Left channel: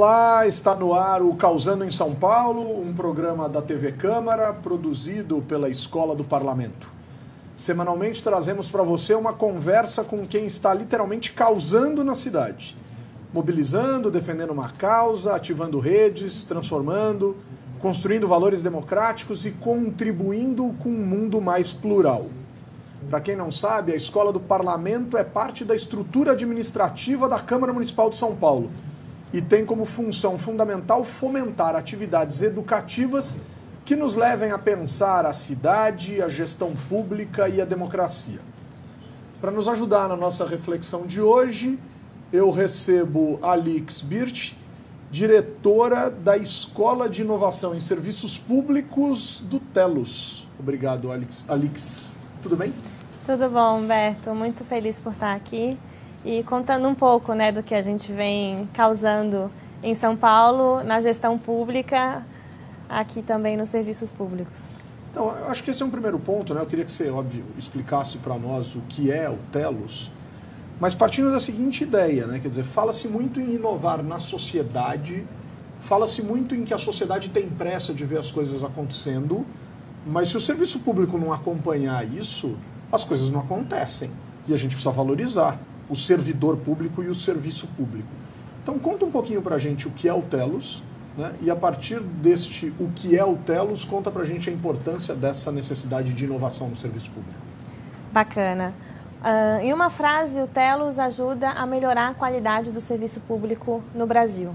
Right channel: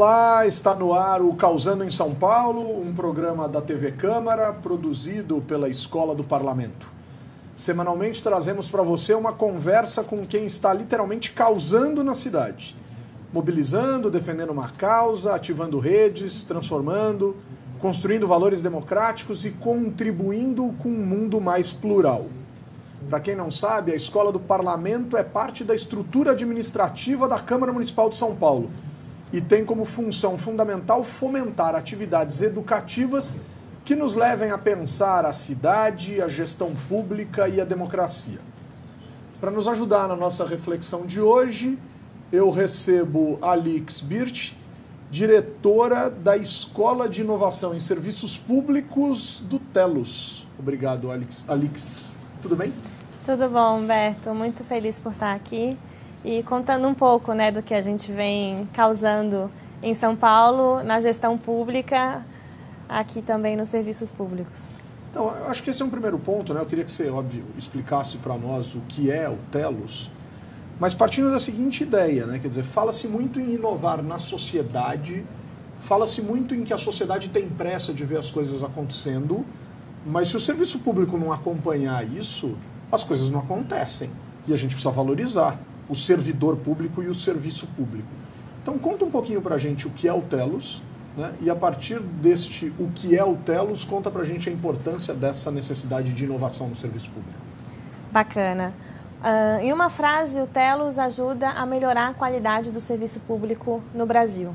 Olá, está no ar o Causando em São Paulo, um programa da TV Câmara, produzido pela Escola do Parlamento. Semanalmente trazemos para você uma conversa com quem está literalmente causando na cidade. Mobilizando, defendendo uma causa, ativando redes, transformando, construindo valores democráticos e contribuindo com um mundo mais plural. Para quem não sabe, a Escola do Parlamento é parte da estrutura administrativa da Câmara Municipal de São Paulo e tem como função fundamental fomentar atividades educativas que nos levem a pensar a cidade, a gestão pública e a democracia. Para nos ajudar na nossa reflexão de hoje, eu recebo Alix Birch, diretora da Escola de Inovação em Serviços Públicos do Telos. Obrigado, Alix. Tudo bem? Tudo bom, Humberto. Muito feliz por estar aqui e contando um pouco, do que a gente vem causando em São Paulo, na gestão pública, aqui também nos serviços públicos. Então, eu acho que esse é um primeiro ponto, Eu queria que você, óbvio, explicasse para nós o que é o Telos, mas partindo da seguinte ideia, Quer dizer, fala-se muito em inovar na sociedade, fala-se muito em que a sociedade tem pressa de ver as coisas acontecendo, mas se o serviço público não acompanhar isso, as coisas não acontecem. E a gente precisa valorizar o servidor público e o serviço público. Então conta um pouquinho pra gente o que é o Telos, e a partir deste o que é o Telos, conta pra gente a importância dessa necessidade de inovação no serviço público. Bacana. Em uma frase, o Telos ajuda a melhorar a qualidade do serviço público no Brasil.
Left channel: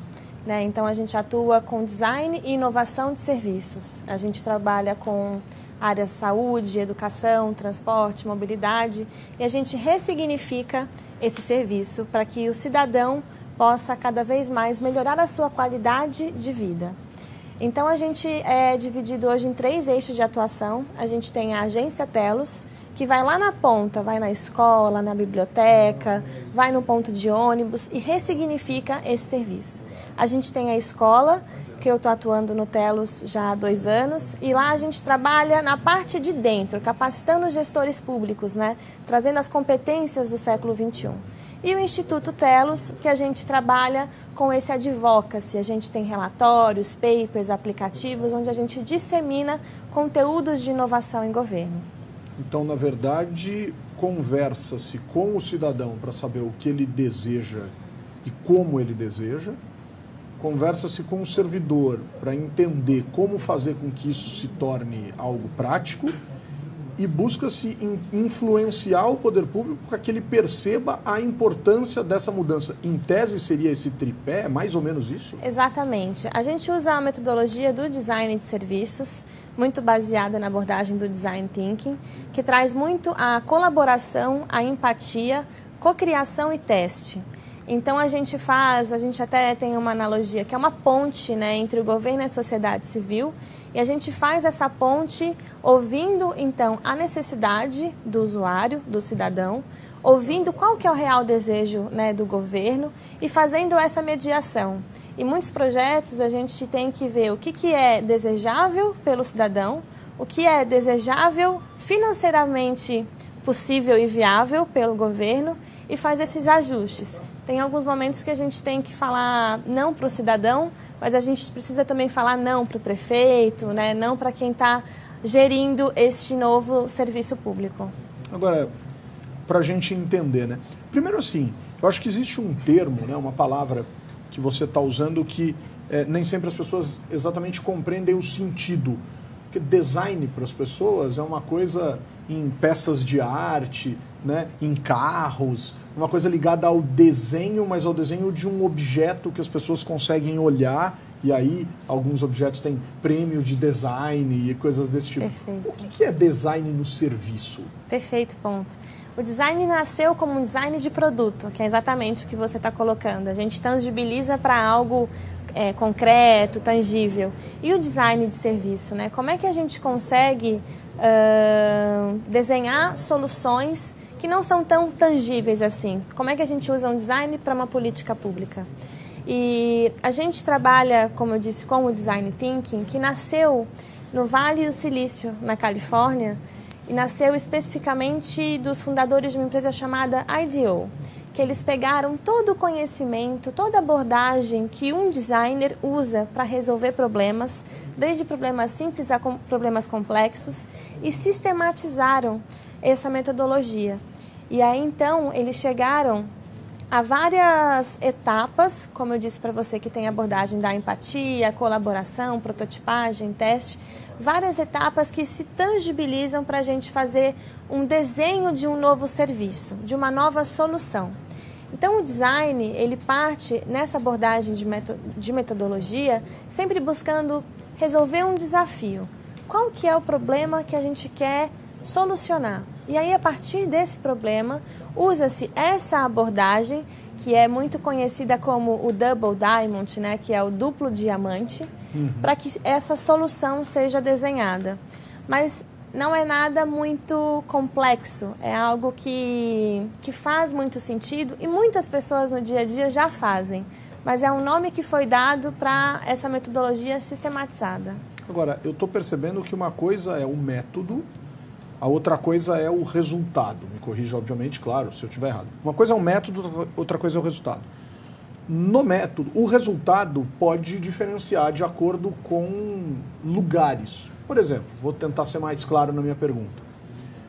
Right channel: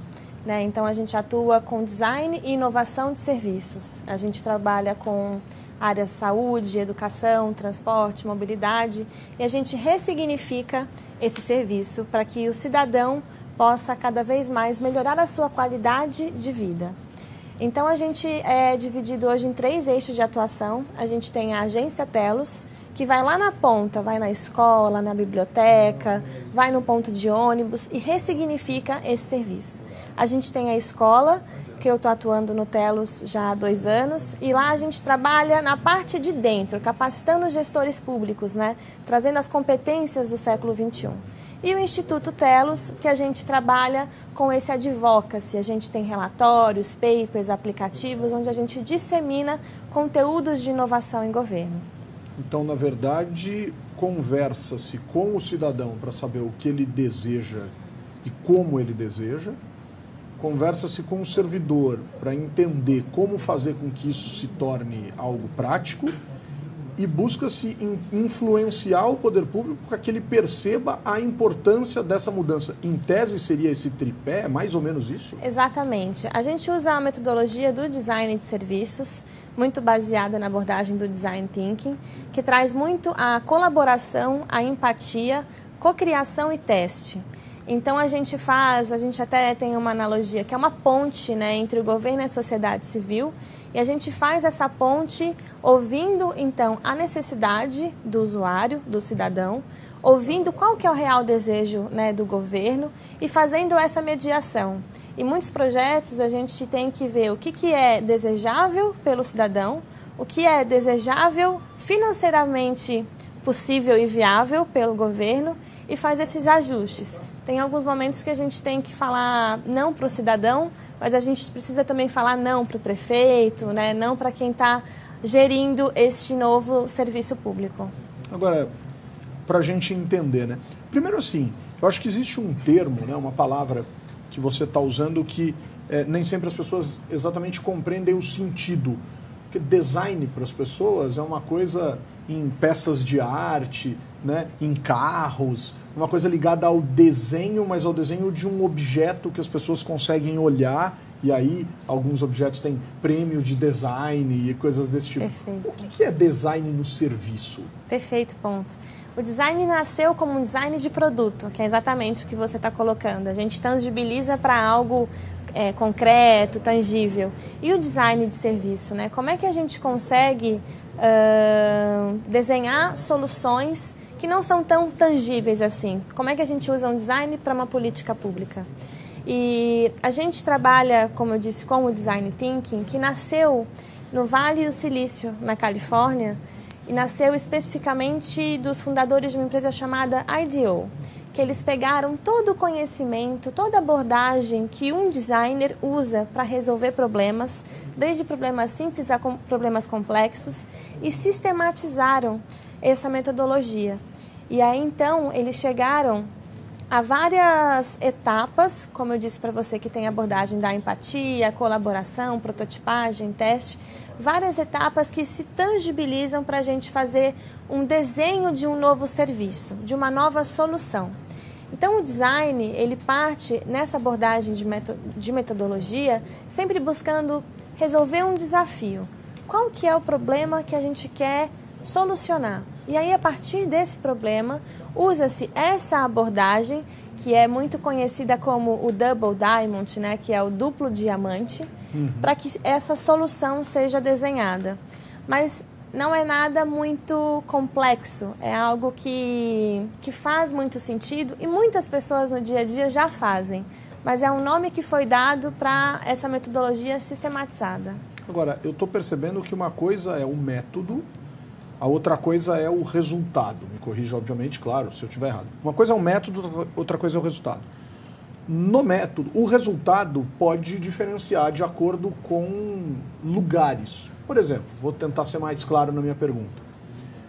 Então a gente atua com design e inovação de serviços. A gente trabalha com áreas saúde, educação, transporte, mobilidade, e a gente ressignifica esse serviço para que o cidadão possa cada vez mais melhorar a sua qualidade de vida. Então a gente é dividido hoje em 3 eixos de atuação. A gente tem a agência Telos, que vai lá na ponta, vai na escola, na biblioteca, vai no ponto de ônibus e ressignifica esse serviço. A gente tem a escola, que eu estou atuando no Telos já há 2 anos, e lá a gente trabalha na parte de dentro, capacitando os gestores públicos, trazendo as competências do século XXI. E o Instituto Telos, que a gente trabalha com esse advocacy, a gente tem relatórios, papers, aplicativos, onde a gente dissemina conteúdos de inovação em governo. Então, na verdade, conversa-se com o cidadão para saber o que ele deseja e como ele deseja, conversa-se com o servidor para entender como fazer com que isso se torne algo prático e busca-se influenciar o poder público para que ele perceba a importância dessa mudança. Em tese seria esse tripé, é mais ou menos isso? Exatamente. A gente usa a metodologia do design de serviços, muito baseada na abordagem do design thinking, que traz muito a colaboração, a empatia, cocriação e teste. Então a gente até tem uma analogia, que é uma ponte entre o governo e a sociedade civil, e a gente faz essa ponte ouvindo então a necessidade do usuário, do cidadão, ouvindo qual que é o real desejo do governo e fazendo essa mediação. Em muitos projetos a gente tem que ver o que é desejável pelo cidadão, o que é desejável financeiramente possível e viável pelo governo e faz esses ajustes. Tem alguns momentos que a gente tem que falar não para o cidadão, mas a gente precisa também falar não para o prefeito, não para quem está gerindo este novo serviço público. Agora, para a gente entender, primeiro assim, eu acho que existe um termo, uma palavra que você está usando que nem sempre as pessoas exatamente compreendem o sentido. Porque design para as pessoas é uma coisa em peças de arte, em carros, uma coisa ligada ao desenho, mas ao desenho de um objeto que as pessoas conseguem olhar, e aí alguns objetos têm prêmio de design e coisas desse tipo. Perfeito. O que é design no serviço? Perfeito, ponto. O design nasceu como um design de produto, que é exatamente o que você está colocando. A gente tangibiliza para algo concreto, tangível. E o design de serviço, Como é que a gente consegue desenhar soluções que não são tão tangíveis assim? Como é que a gente usa um design para uma política pública? E a gente trabalha, como eu disse, com o Design Thinking, que nasceu no Vale do Silício, na Califórnia, e nasceu especificamente dos fundadores de uma empresa chamada IDEO, que eles pegaram todo o conhecimento, toda a abordagem que um designer usa para resolver problemas, desde problemas simples a problemas complexos, e sistematizaram essa metodologia. E aí, então, eles chegaram a várias etapas, como eu disse para você, que tem a abordagem da empatia, colaboração, prototipagem, teste, várias etapas que se tangibilizam para a gente fazer um desenho de um novo serviço, de uma nova solução. Então, o design, ele parte nessa abordagem de metodologia, sempre buscando resolver um desafio. Qual que é o problema que a gente quer solucionar? E aí, a partir desse problema, usa-se essa abordagem, que é muito conhecida como o Double Diamond, né, que é o duplo diamante, para que essa solução seja desenhada. Mas não é nada muito complexo, é algo que faz muito sentido e muitas pessoas no dia a dia já fazem, mas é um nome que foi dado para essa metodologia sistematizada. Agora, eu estou percebendo que uma coisa é o método, a outra coisa é o resultado. Me corrija, obviamente, claro, se eu estiver errado. Uma coisa é o método, outra coisa é o resultado. No método, o resultado pode diferenciar de acordo com lugares. Por exemplo, vou tentar ser mais claro na minha pergunta.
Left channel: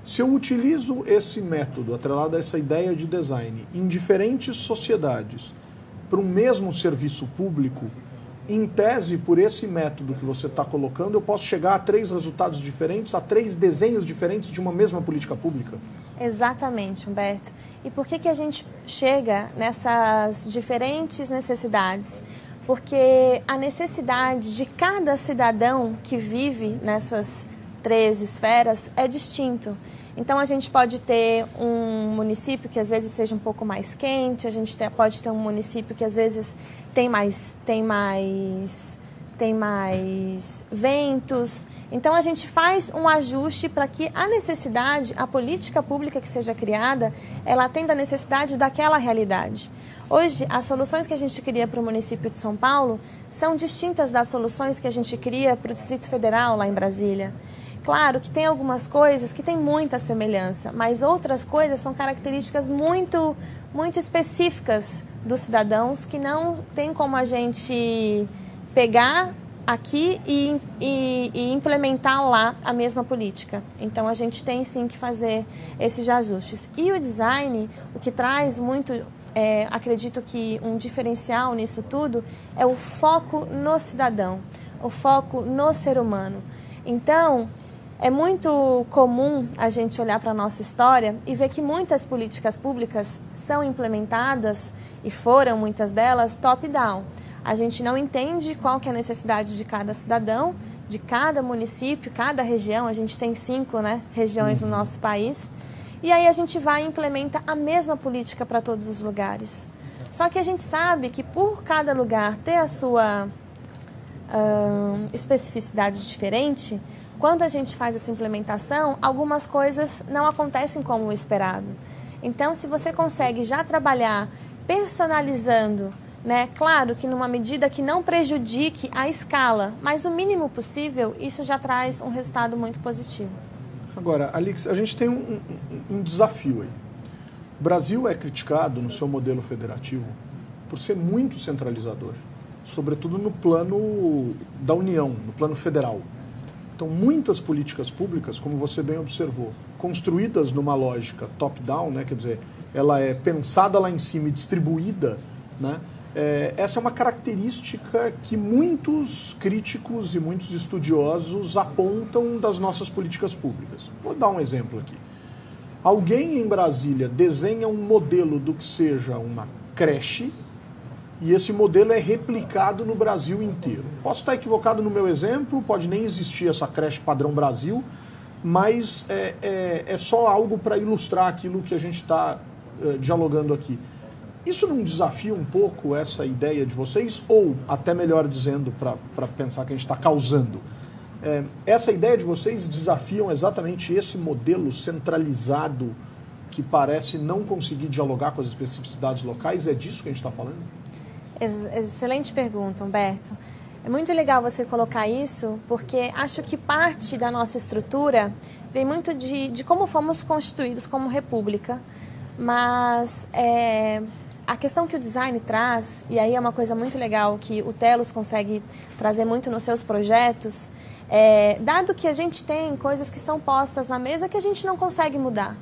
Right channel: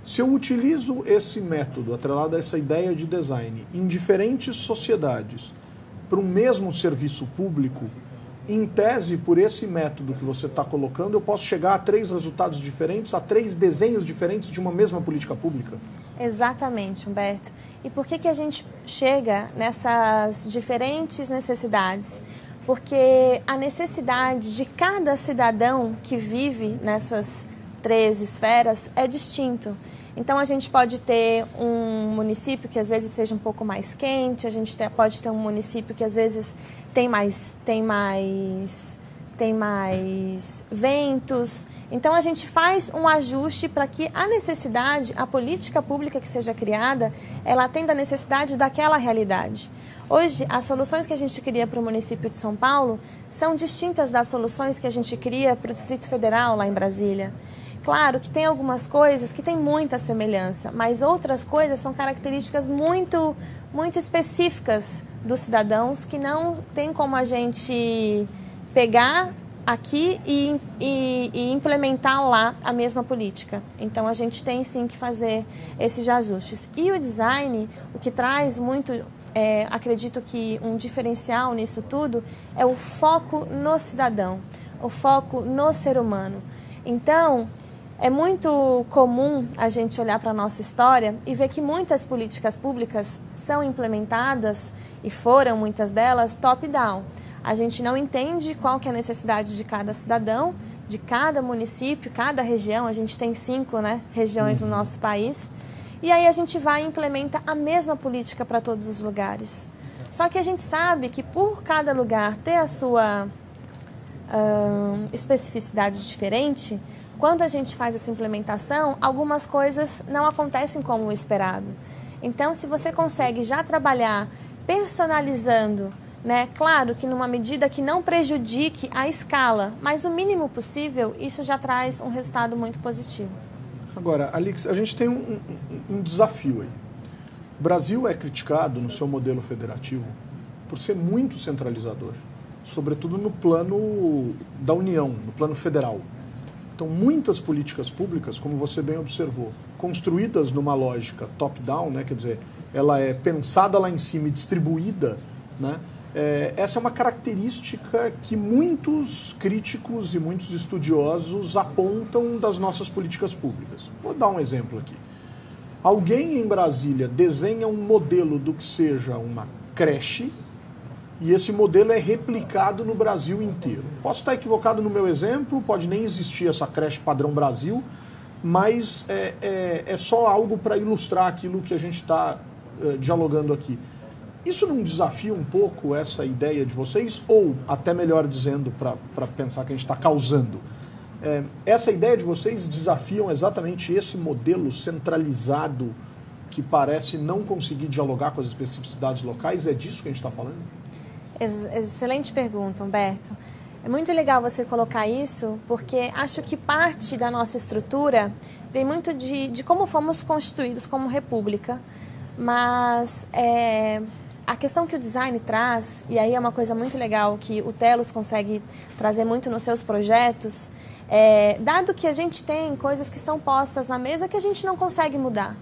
Se eu utilizo esse método, atrelado a essa ideia de design, em diferentes sociedades, para um mesmo serviço público, em tese, por esse método que você está colocando, eu posso chegar a 3 resultados diferentes, a 3 desenhos diferentes de uma mesma política pública? Exatamente, Humberto. E por que a gente chega nessas diferentes necessidades? Porque a necessidade de cada cidadão que vive nessas 3 esferas é distinto. Então, a gente pode ter um município que às vezes seja um pouco mais quente, a gente pode ter um município que às vezes tem mais ventos. Então, a gente faz um ajuste para que a necessidade, a política pública que seja criada, ela atenda a necessidade daquela realidade. Hoje, as soluções que a gente cria para o município de São Paulo são distintas das soluções que a gente cria para o Distrito Federal, lá em Brasília. Claro que tem algumas coisas que têm muita semelhança, mas outras coisas são características muito específicas dos cidadãos que não tem como a gente pegar aqui e implementar lá a mesma política. Então, a gente tem sim que fazer esses ajustes. E o design, o que traz muito, acredito que um diferencial nisso tudo, é o foco no cidadão, o foco no ser humano. Então, é muito comum a gente olhar para a nossa história e ver que muitas políticas públicas são implementadas, e foram muitas delas, top-down. A gente não entende qual que é a necessidade de cada cidadão, de cada município, cada região. A gente tem 5, regiões no nosso país. E aí a gente vai e implementa a mesma política para todos os lugares. Só que a gente sabe que por cada lugar ter a sua especificidade diferente, quando a gente faz essa implementação, algumas coisas não acontecem como o esperado. Então, se você consegue já trabalhar personalizando, claro que numa medida que não prejudique a escala, mas o mínimo possível, isso já traz um resultado muito positivo. Agora, Alix, a gente tem um desafio aí. O Brasil é criticado no seu modelo federativo por ser muito centralizador, sobretudo no plano da União, no plano federal. Então, muitas políticas públicas, como você bem observou, construídas numa lógica top-down, quer dizer, ela é pensada lá em cima e distribuída, essa é uma característica que muitos críticos e muitos estudiosos apontam das nossas políticas públicas. Vou dar um exemplo aqui. Alguém em Brasília desenha um modelo do que seja uma creche, e esse modelo é replicado no Brasil inteiro. Posso estar equivocado no meu exemplo, pode nem existir essa creche padrão Brasil, mas é só algo para ilustrar aquilo que a gente está dialogando aqui. Isso não desafia um pouco essa ideia de vocês? Ou, até melhor dizendo, para pensar que a gente está causando, essa ideia de vocês desafiam exatamente esse modelo centralizado que parece não conseguir dialogar com as especificidades locais? É disso que a gente está falando? Excelente pergunta, Humberto. É muito legal você colocar isso, porque acho que parte da nossa estrutura vem muito de como fomos constituídos como república. mas a questão que o design traz, e aí é uma coisa muito legal que o Telos consegue trazer muito nos seus projetos, dado que a gente tem coisas que são postas na mesa que a gente não consegue mudar.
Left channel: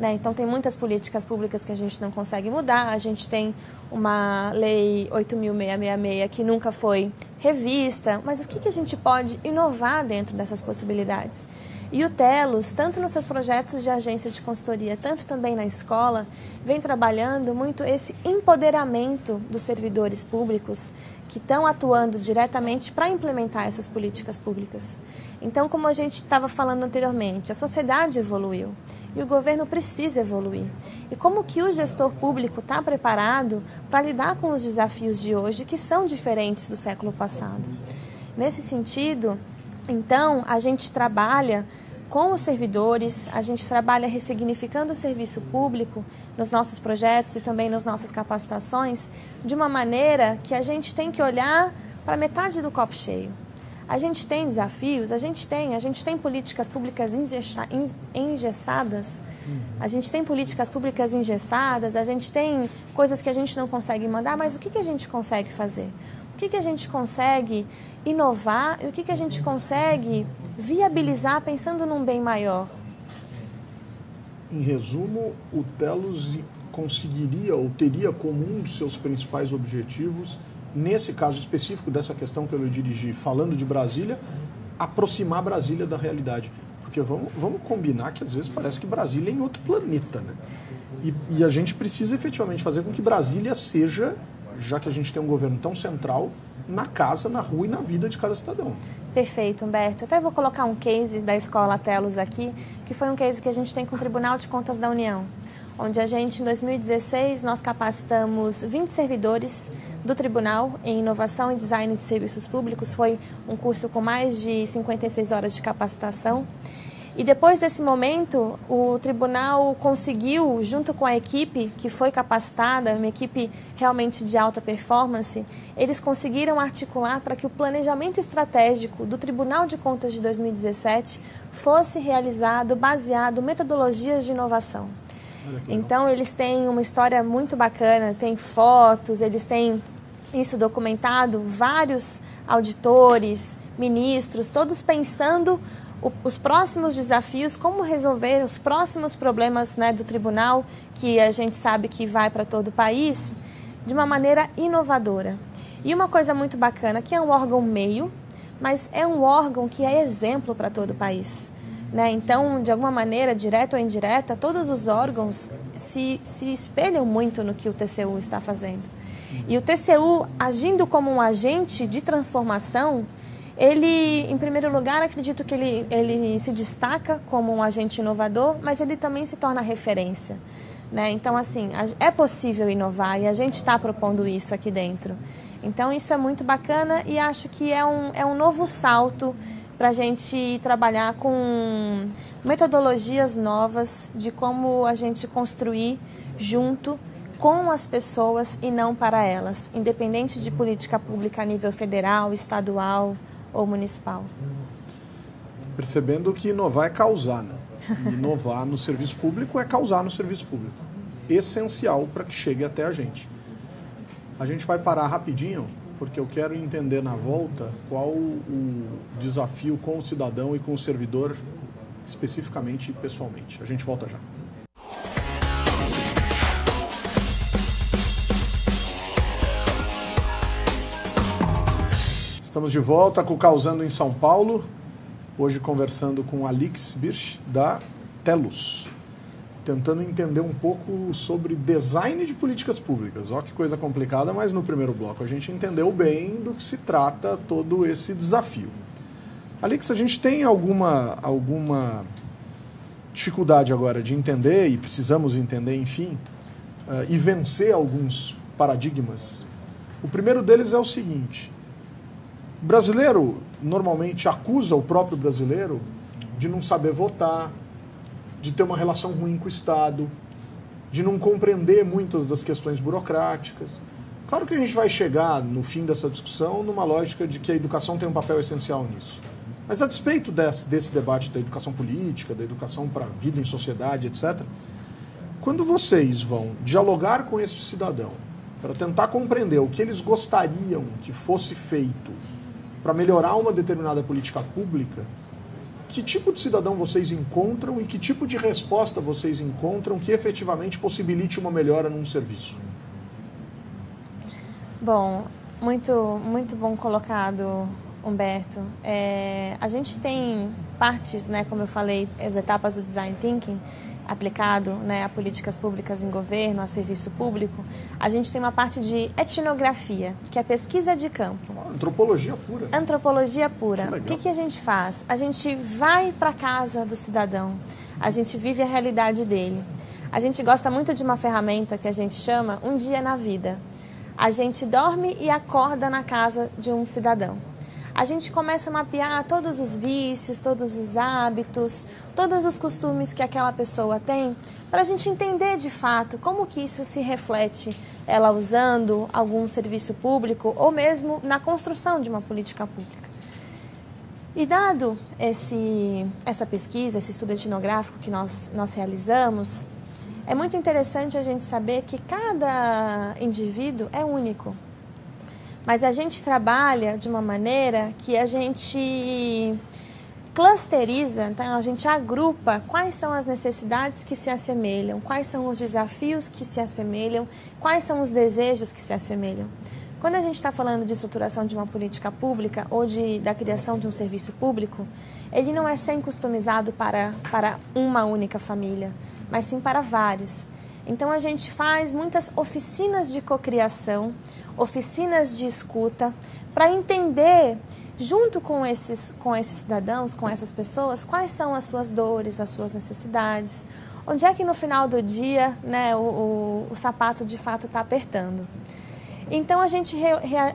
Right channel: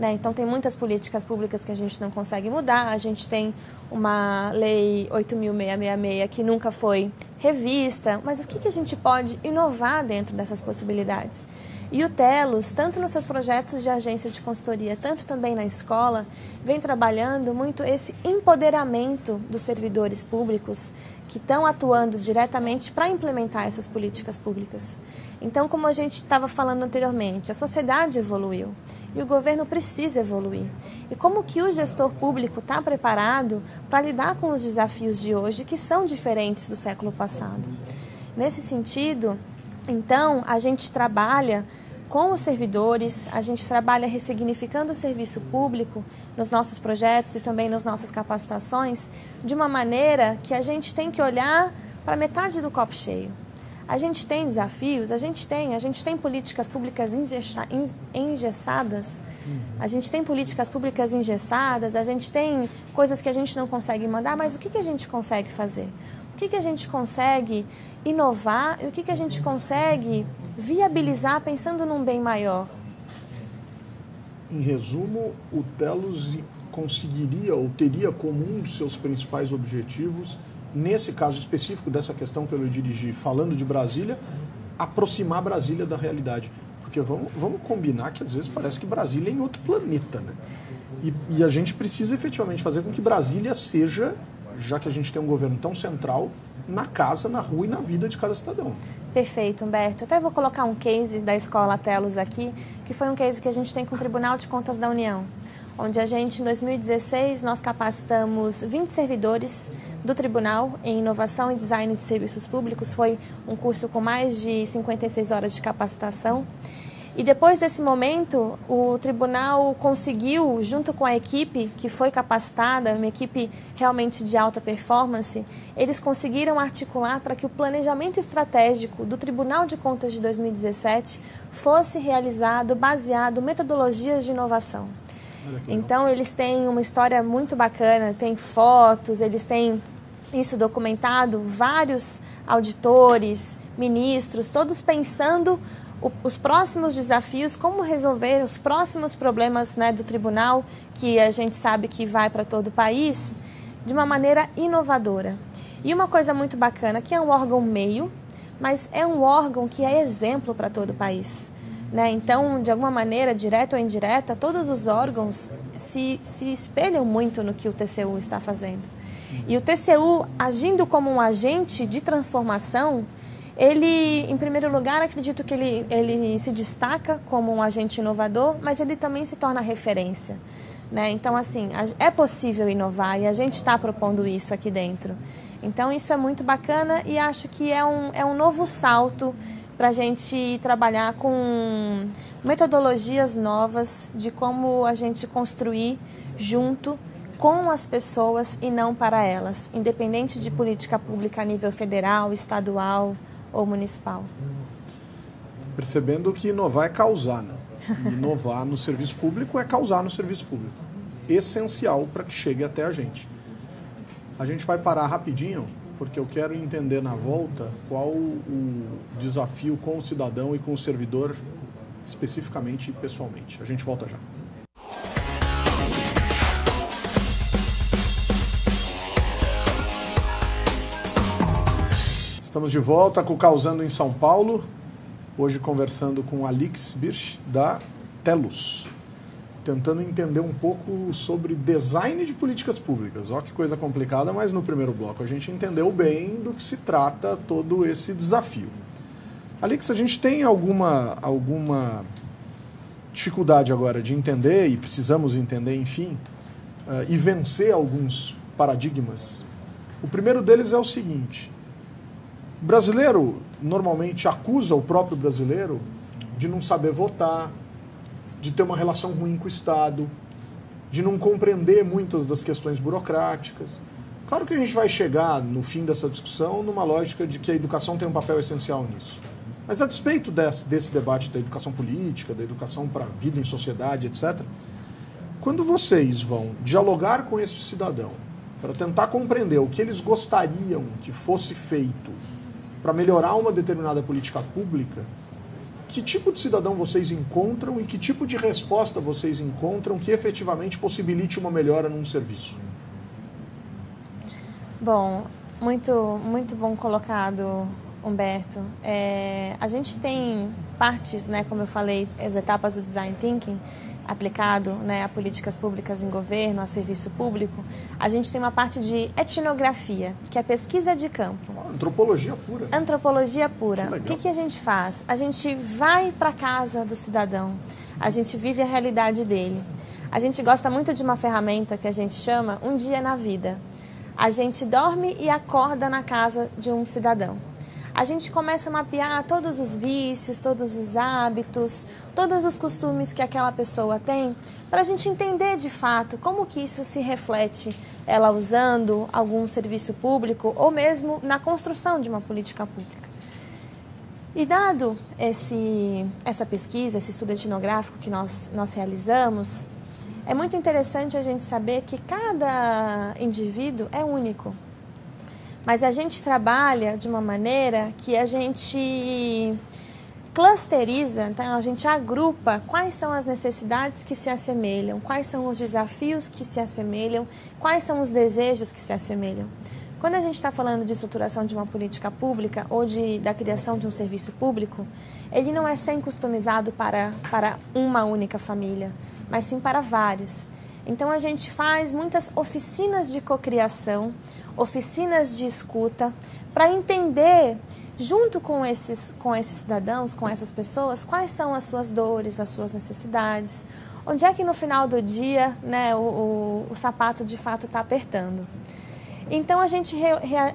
Então, tem muitas políticas públicas que a gente não consegue mudar. A gente tem uma lei 8.666 que nunca foi revista. Mas o que a gente pode inovar dentro dessas possibilidades? E o Telos, tanto nos seus projetos de agência de consultoria, tanto também na escola, vem trabalhando muito esse empoderamento dos servidores públicos que estão atuando diretamente para implementar essas políticas públicas. Então, como a gente estava falando anteriormente, a sociedade evoluiu e o governo precisa evoluir. E como que o gestor público está preparado para lidar com os desafios de hoje, que são diferentes do século passado? Nesse sentido, então, a gente trabalha com os servidores, a gente trabalha ressignificando o serviço público nos nossos projetos e também nas nossas capacitações, de uma maneira que a gente tem que olhar para metade do copo cheio. A gente tem desafios, a gente tem políticas públicas engessadas, a gente tem coisas que a gente não consegue mandar, mas o que a gente consegue fazer? O que a gente consegue inovar e o que a gente consegue viabilizar pensando num bem maior? Em resumo, o Telos conseguiria ou teria como um dos seus principais objetivos, nesse caso específico dessa questão que eu dirigi, falando de Brasília, aproximar Brasília da realidade. Porque vamos combinar que às vezes parece que Brasília é em outro planeta, né? E a gente precisa efetivamente fazer com que Brasília seja, já que a gente tem um governo tão central, na casa, na rua e na vida de cada cidadão. Perfeito, Humberto. Eu até vou colocar um case da Escola Telos aqui, que foi um case que a gente tem com o Tribunal de Contas da União, onde a gente, em 2016, nós capacitamos 20 servidores do Tribunal em Inovação e Design de Serviços Públicos. Foi um curso com mais de 56 horas de capacitação. E depois desse momento, o tribunal conseguiu, junto com a equipe que foi capacitada, uma equipe realmente de alta performance, eles conseguiram articular para que o planejamento estratégico do Tribunal de Contas de 2017 fosse realizado baseado em metodologias de inovação. Então, eles têm uma história muito bacana, tem fotos, eles têm isso documentado, vários auditores, ministros, todos pensando os próximos desafios, como resolver os próximos problemas, né, do tribunal, que a gente sabe que vai para todo o país, de uma maneira inovadora. E uma coisa muito bacana, que é um órgão meio, mas é um órgão que é exemplo para todo o país. Então, de alguma maneira, direta ou indireta, todos os órgãos se espelham muito no que o TCU está fazendo. E o TCU, agindo como um agente de transformação, ele, em primeiro lugar, acredito que ele se destaca como um agente inovador, mas ele também se torna referência. Então, assim, é possível inovar e a gente está propondo isso aqui dentro. Então, isso é muito bacana e acho que é um novo salto para a gente trabalhar com metodologias novas de como a gente construir junto com as pessoas e não para elas, independente de política pública a nível federal, estadual ou municipal. Percebendo que inovar é causar, né? Inovar no serviço público é causar no serviço público. Essencial para que chegue até a gente. A gente vai parar rapidinho, porque eu quero entender na volta qual o desafio com o cidadão e com o servidor, especificamente e pessoalmente. A gente volta já. Estamos de volta com o Causando em São Paulo, hoje conversando com Alix Birch, da Telos, tentando entender um pouco sobre design de políticas públicas. Ó, que coisa complicada, mas no primeiro bloco a gente entendeu bem do que se trata todo esse desafio. Alix, a gente tem alguma dificuldade agora de entender, e precisamos entender, enfim, e vencer alguns paradigmas. O primeiro deles é o seguinte: o brasileiro normalmente acusa o próprio brasileiro de não saber votar, de ter uma relação ruim com o Estado, de não compreender muitas das questões burocráticas. Claro que a gente vai chegar, no fim dessa discussão, numa lógica de que a educação tem um papel essencial nisso. Mas a despeito desse debate da educação política, da educação para a vida em sociedade, etc., Quando vocês vão dialogar com este cidadão para tentar compreender o que eles gostariam que fosse feito para melhorar uma determinada política pública, que tipo de cidadão vocês encontram e que tipo de resposta vocês encontram que efetivamente possibilite uma melhora num serviço? Bom, muito bom colocado, Humberto. A gente tem partes, né, como eu falei, as etapas do Design Thinking aplicado, né, a políticas públicas em governo, a serviço público. A gente tem uma parte de etnografia, que é pesquisa de campo. Antropologia pura. Antropologia pura. O que a gente faz? A gente vai para a casa do cidadão, a gente vive a realidade dele. A gente gosta muito de uma ferramenta que a gente chama Um Dia na Vida. A gente dorme e acorda na casa de um cidadão. A gente começa a mapear todos os vícios, todos os hábitos, todos os costumes que aquela pessoa tem, para a gente entender de fato como que isso se reflete, ela usando algum serviço público ou mesmo na construção de uma política pública. E dado essa pesquisa, esse estudo etnográfico que nós realizamos, é muito interessante a gente saber que cada indivíduo é único. Mas a gente trabalha de uma maneira que a gente clusteriza, então a gente agrupa quais são as necessidades que se assemelham, quais são os desafios que se assemelham, quais são os desejos que se assemelham. Quando a gente está falando de estruturação de uma política pública ou da criação de um serviço público, ele não é sempre customizado para uma única família, mas sim para várias. Então a gente faz muitas oficinas de cocriação, oficinas de escuta, para entender, junto com esses cidadãos, com essas pessoas, quais são as suas dores, as suas necessidades, onde é que no final do dia, né, o sapato de fato está apertando. Então a gente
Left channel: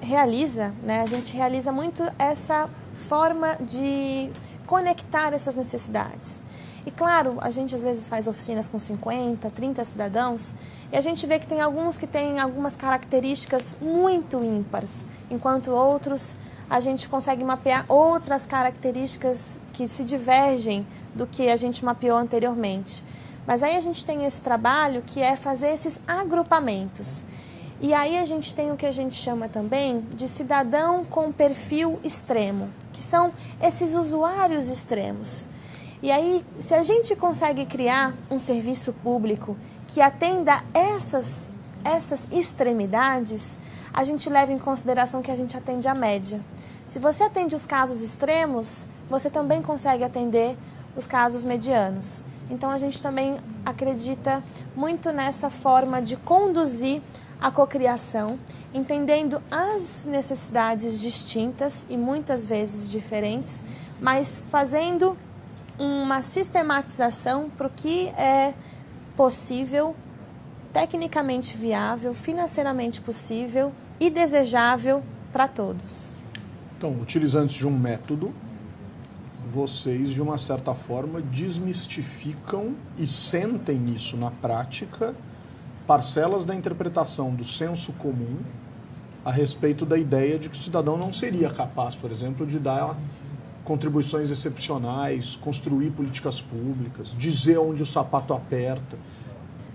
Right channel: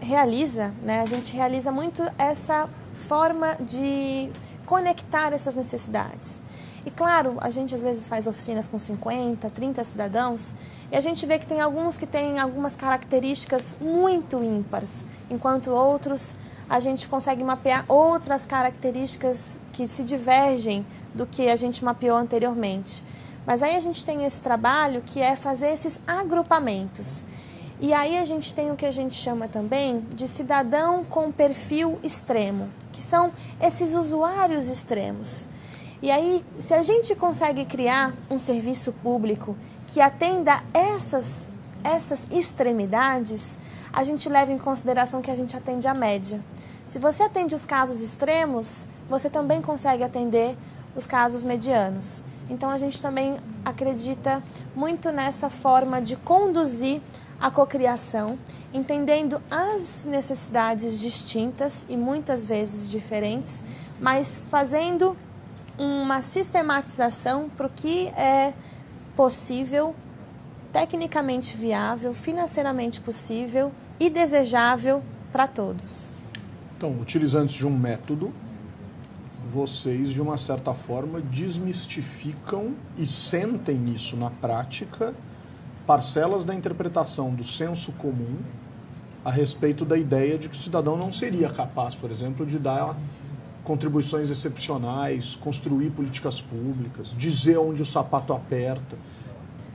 realiza muito essa forma de conectar essas necessidades. E claro, a gente às vezes faz oficinas com 50, 30 cidadãos e a gente vê que tem alguns que têm algumas características muito ímpares, enquanto outros a gente consegue mapear outras características que se divergem do que a gente mapeou anteriormente. Mas aí a gente tem esse trabalho que é fazer esses agrupamentos. E aí a gente tem o que a gente chama também de cidadão com perfil extremo, que são esses usuários extremos. E aí, se a gente consegue criar um serviço público que atenda essas extremidades, a gente leva em consideração que a gente atende a média. Se você atende os casos extremos, você também consegue atender os casos medianos. Então, a gente também acredita muito nessa forma de conduzir a cocriação, entendendo as necessidades distintas e muitas vezes diferentes, mas fazendo uma sistematização para o que é possível, tecnicamente viável, financeiramente possível e desejável para todos. Então, utilizando-se de um método, vocês, de uma certa forma, desmistificam e sentem isso na prática, parcelas da interpretação do senso comum a respeito da ideia de que o cidadão não seria capaz, por exemplo, de dar contribuições excepcionais, construir políticas públicas, dizer onde o sapato aperta,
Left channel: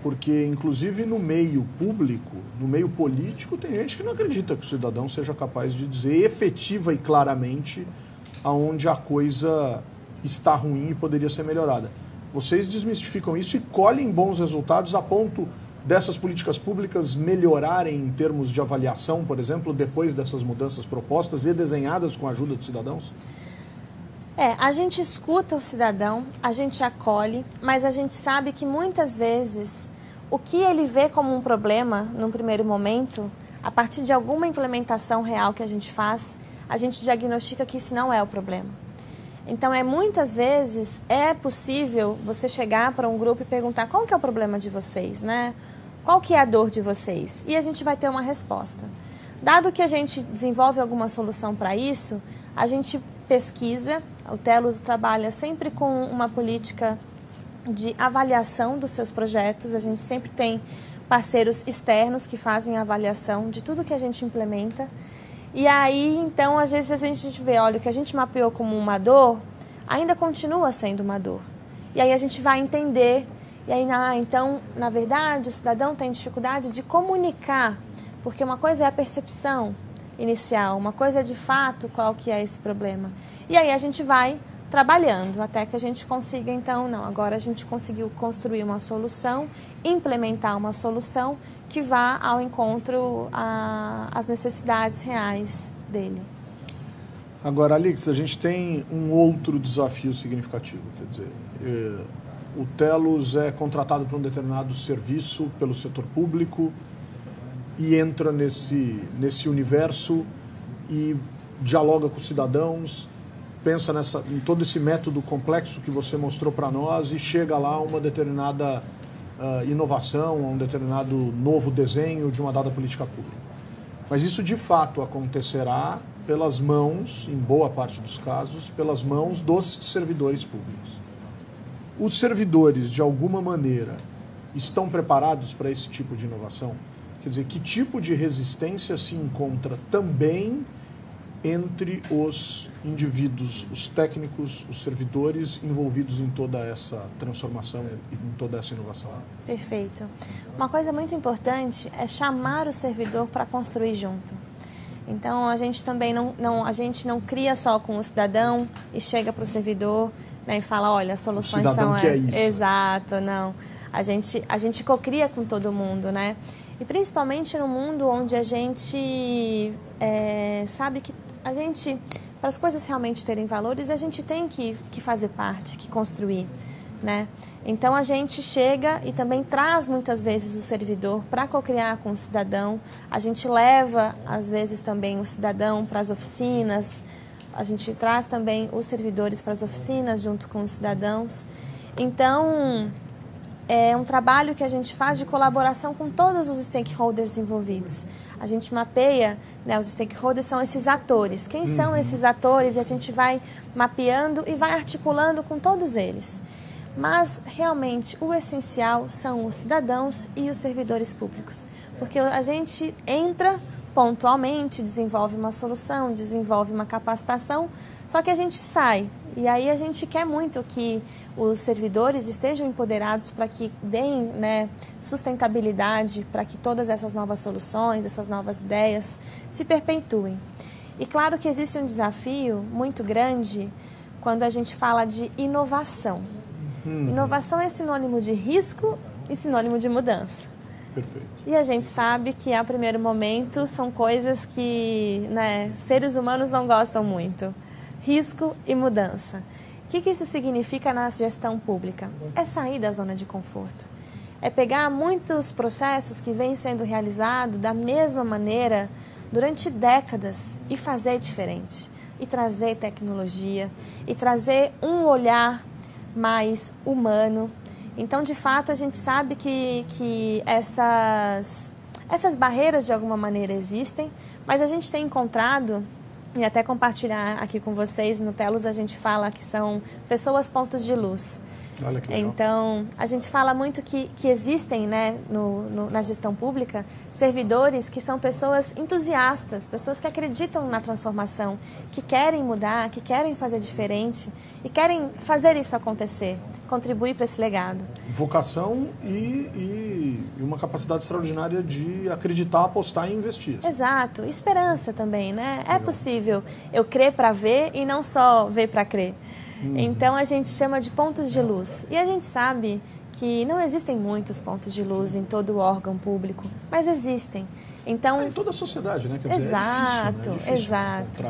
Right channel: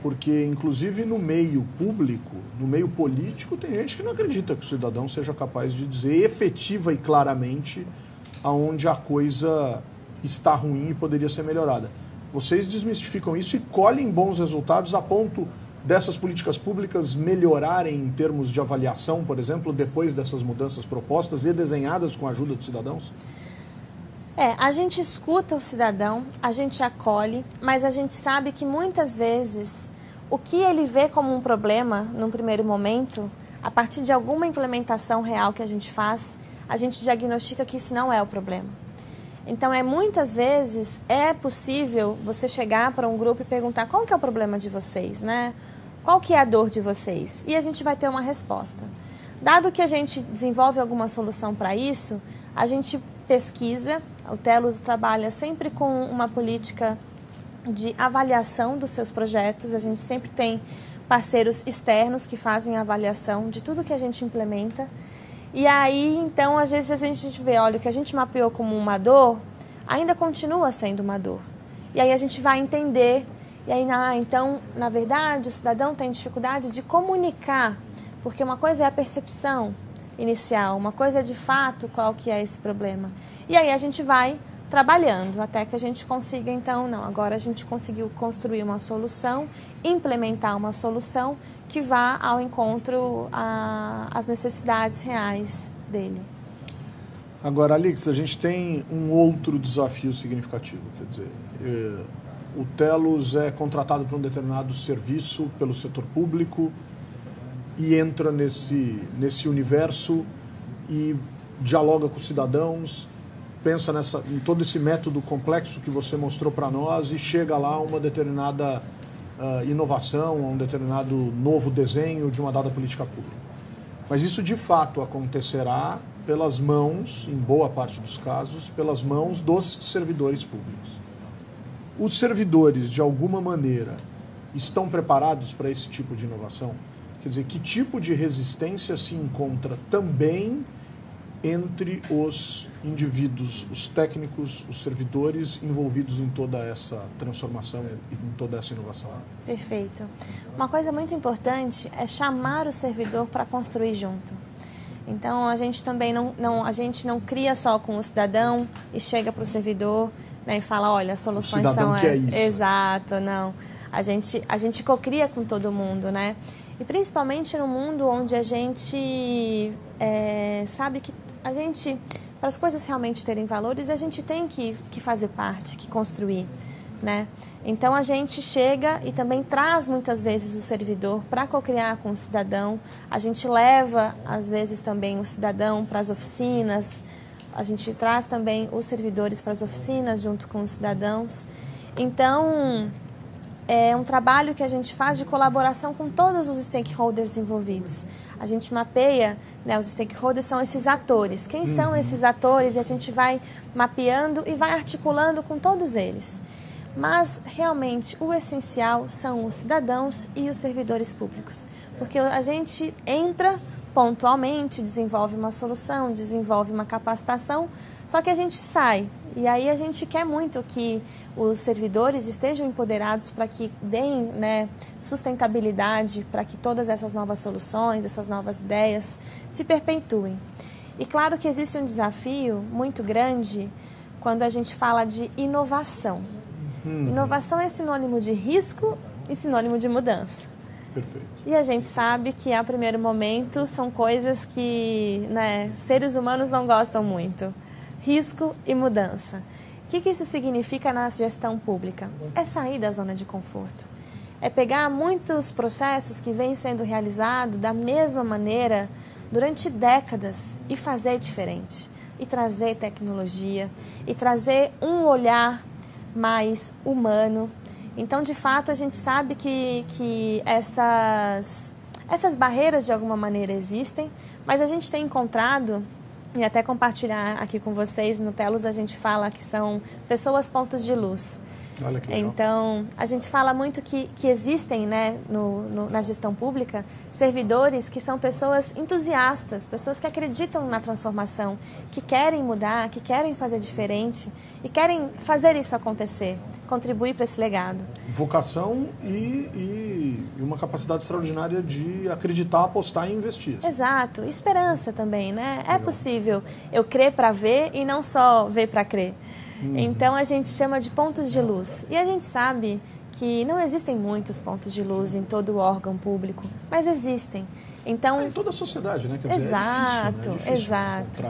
porque inclusive no meio público, no meio político, tem gente que não acredita que o cidadão seja capaz de dizer efetiva e claramente aonde a coisa está ruim e poderia ser melhorada. Vocês desmistificam isso e colhem bons resultados a ponto dessas políticas públicas melhorarem em termos de avaliação, por exemplo, depois dessas mudanças propostas e desenhadas com a ajuda dos cidadãos? A gente escuta o cidadão, a gente acolhe, mas a gente sabe que muitas vezes o que ele vê como um problema num primeiro momento, a partir de alguma implementação real que a gente faz, a gente diagnostica que isso não é o problema. Então, muitas vezes é possível você chegar para um grupo e perguntar qual que é o problema de vocês, né? Qual que é a dor de vocês? E a gente vai ter uma resposta. Dado que a gente desenvolve alguma solução para isso, a gente pesquisa. O Telos trabalha sempre com uma política de avaliação dos seus projetos. A gente sempre tem parceiros externos que fazem a avaliação de tudo que a gente implementa. E aí, então, às vezes a gente vê, olha, o que a gente mapeou como uma dor, ainda continua sendo uma dor. E aí a gente vai entender E aí, então, na verdade, o cidadão tem dificuldade de comunicar, porque uma coisa é a percepção inicial, uma coisa é de fato qual que é esse problema. E aí a gente vai trabalhando até que a gente consiga, então, não, agora a gente conseguiu construir uma solução, implementar uma solução que vá ao encontro às necessidades reais dele. Agora, Alix, a gente tem um outro desafio significativo, quer dizer, o Telos é contratado para um determinado serviço pelo setor público e entra nesse universo e dialoga com os cidadãos, pensa em todo esse método complexo que você mostrou para nós e chega lá a uma determinada inovação, a um determinado novo desenho de uma dada política pública. Mas isso de fato acontecerá pelas mãos, em boa parte dos casos, pelas mãos dos servidores públicos. Os servidores, de alguma maneira, estão preparados para esse tipo de inovação? Quer dizer, que tipo de resistência se encontra também entre os indivíduos, os técnicos, os servidores envolvidos em toda essa transformação e em toda essa inovação? Perfeito. Uma coisa muito importante é chamar o servidor para construir junto. Então, a gente também a gente não cria só com o cidadão e chega para o servidor, né, e fala, olha, as soluções são essas. Exato, não. A gente cocria com todo mundo, né? E principalmente no mundo onde a gente sabe que a gente, para as coisas realmente terem valores, a gente tem que fazer parte, que construir, né? Então a gente chega e também traz muitas vezes o servidor para cocriar com o cidadão. A gente leva, às vezes, também o cidadão para as oficinas. A gente traz também os servidores para as oficinas junto com os cidadãos. Então, é um trabalho que a gente faz de colaboração com todos os stakeholders envolvidos. A gente mapeia, né, os stakeholders são esses atores. Quem são esses atores? E a gente vai mapeando e vai articulando com todos eles. Mas, realmente, o essencial são os cidadãos e os servidores públicos. Porque a gente entra pontualmente, desenvolve uma solução, desenvolve uma capacitação, só que a gente sai. E aí a gente quer muito que os servidores estejam empoderados para que deem, né, sustentabilidade, para que todas essas novas soluções, essas novas ideias se perpetuem. E claro que existe um desafio muito grande quando a gente fala de inovação. Inovação é sinônimo de risco e sinônimo de mudança. Perfeito. E a gente sabe que, a primeiro momento, são coisas que, né, seres humanos não gostam muito. Risco e mudança. O que isso significa na gestão pública? É sair da zona de conforto. É pegar muitos processos que vêm sendo realizados da mesma maneira durante décadas e fazer diferente. E trazer tecnologia, e trazer um olhar mais humano. Então, de fato, a gente sabe que essas barreiras, de alguma maneira, existem, mas a gente tem encontrado, e até compartilhar aqui com vocês, no Telos a gente fala que são pessoas pontos de luz. Olha que legal. Então, a gente fala muito que existem, né, na gestão pública, servidores que são pessoas entusiastas, pessoas que acreditam na transformação, que querem mudar, que querem fazer diferente e querem fazer isso acontecer, contribuir para esse legado. Vocação e uma capacidade extraordinária de acreditar, apostar e investir. Exato. Esperança também, né? É possível eu crer para ver e não só ver para crer. Então, a gente chama de pontos de luz. E a gente sabe que não existem muitos pontos de luz em todo o órgão público, mas existem. Então, em toda a sociedade, né? Quer dizer, exato, é difícil exato.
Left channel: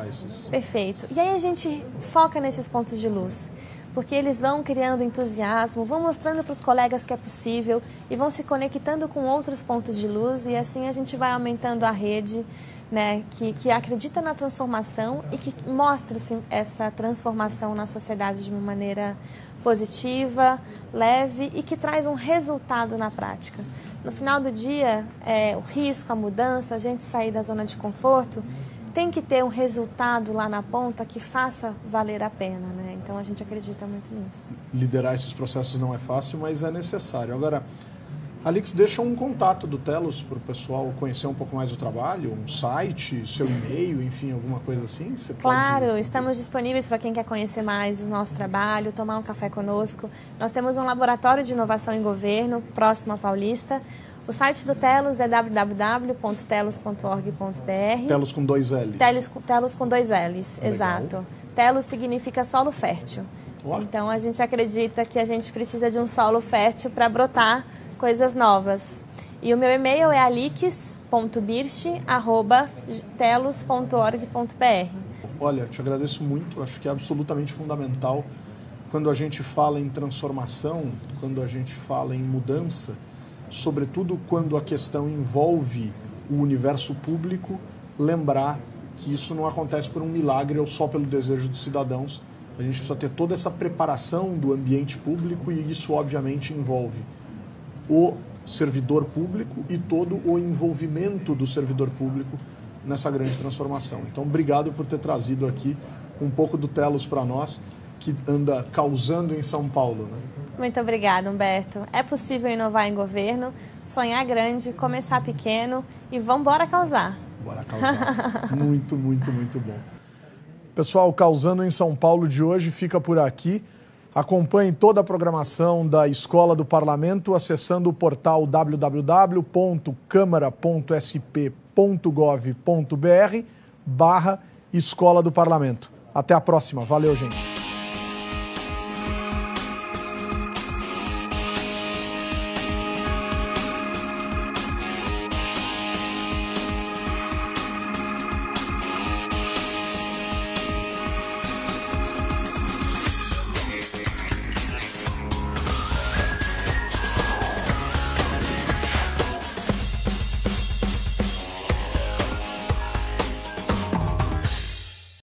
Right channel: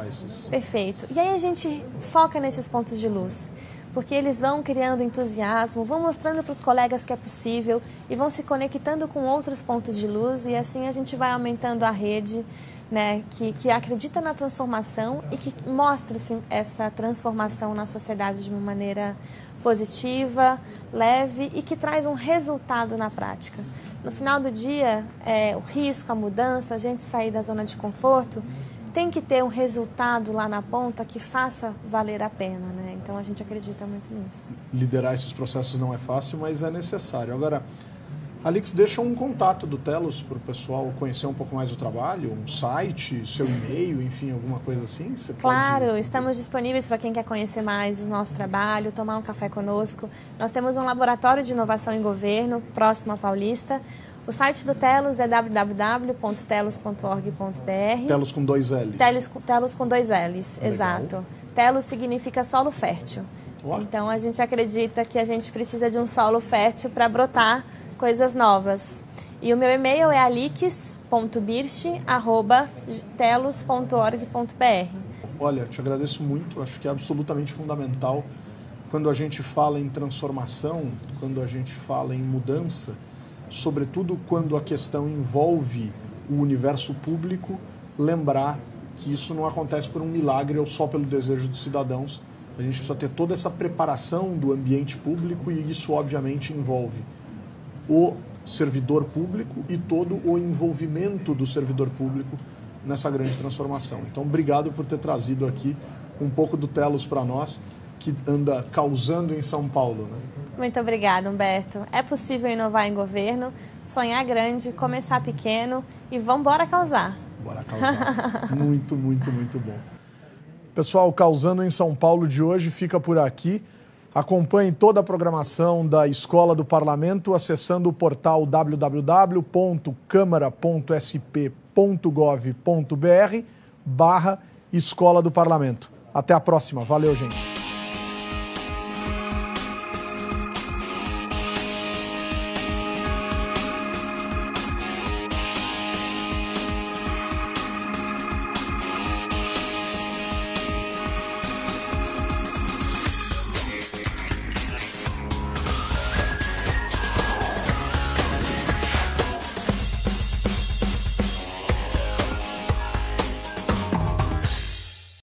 Perfeito. E aí a gente foca nesses pontos de luz, porque eles vão criando entusiasmo, vão mostrando para os colegas que é possível e vão se conectando com outros pontos de luz, e assim a gente vai aumentando a rede, né, que acredita na transformação e que mostra assim, essa transformação na sociedade de uma maneira positiva, leve e que traz um resultado na prática. No final do dia, o risco, a mudança, a gente sair da zona de conforto, tem que ter um resultado lá na ponta que faça valer a pena, né? Então a gente acredita muito nisso. Liderar esses processos não é fácil, mas é necessário. Agora, Alix, deixa um contato do Telos para o pessoal conhecer um pouco mais do trabalho, um site, seu e-mail, enfim, alguma coisa assim? Claro, estamos disponíveis para quem quer conhecer mais do nosso trabalho, tomar um café conosco. Nós temos um laboratório de inovação em governo, próximo à Paulista. O site do Telos é www.telos.org.br. Telos com 2 L's. Telos com 2 L's, legal. Exato. Telos significa solo fértil. Uau. Então a gente acredita que a gente precisa de um solo fértil para brotar coisas novas. E o meu e-mail é alix.birch@telos.org.br. Olha, te agradeço muito, acho que é absolutamente fundamental quando a gente fala em transformação, quando a gente fala em mudança, sobretudo quando a questão envolve o universo público, lembrar que isso não acontece por um milagre ou só pelo desejo dos cidadãos. A gente precisa ter toda essa preparação do ambiente público e isso obviamente envolve o servidor público e todo o envolvimento do servidor público nessa grande transformação. Então, obrigado por ter trazido aqui um pouco do Telos para nós, que anda causando em São Paulo, né? Muito obrigada, Humberto. É possível inovar em governo, sonhar grande, começar pequeno e vamos embora causar. Bora causar. Muito, muito, muito bom. Pessoal, Causando em São Paulo de hoje fica por aqui. Acompanhe toda a programação da Escola do Parlamento acessando o portal www.câmara.sp.gov.br/Escola do Parlamento. Até a próxima. Valeu, gente.